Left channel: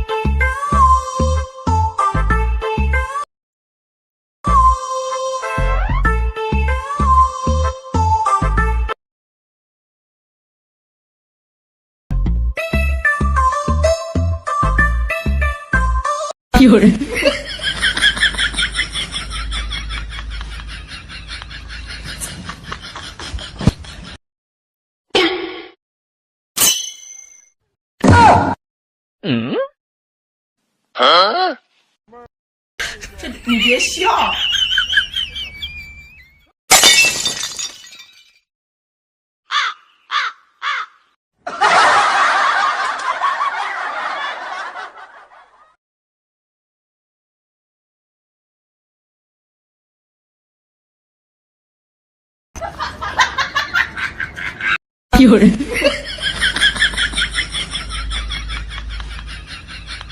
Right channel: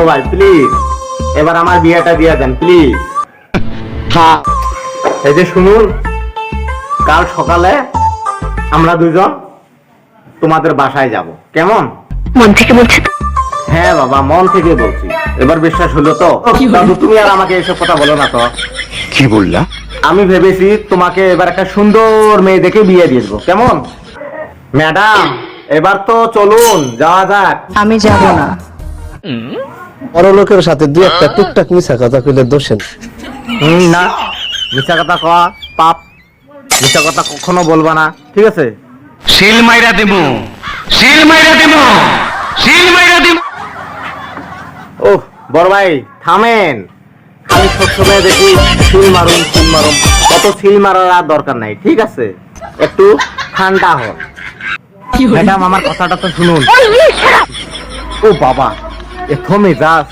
বড় ভাই প্লিজ এবার আমার বিয়েটা দিয়ে দেন প্লিজ। হ্যাঁ এই যে শুনুন, কাল সকালে আমরা দুজন তোমাদের বাসায় যাব, কেমন? মন থেকে বলছেন? হ্যাঁ বাবা, মন থেকে বলছি। এবার বিশ্বাস হলো তো? তুমি আর আমাকে এসব কথা বলো না তো। কি বললা? আমি ভেবেছি তোমাকে এবার একটা সুন্দর মেয়ে দেখে বিয়ে দিয়ে দেবো, কেমন? ম্যাডাম এবার তো চলুন যাওয়া যাক। আমি যাব না। বড় লোকের সাথে দু একটা টুকটাক মিশা কথা কইলে দোষেন। না, মিথ্যা কথা কওয়া পাপ, মিথ্যা কথা কখনো বলবা না, ঠিক আছে? শিল মাইরা দেব, শিল মাইরা দেব, শিল মাইরা দেব। ও বড় ভাই থামেন, খালি সবসময় দেখি সিল মারুন সিল মারুন, কত সিল মারার আর দরকার নাই, ঠিক আছে? একটু ঠান্ডা হোক। ম্যাডাম আমার কথাটা তো শুনুন। ও বাবা, এত মেজাজ।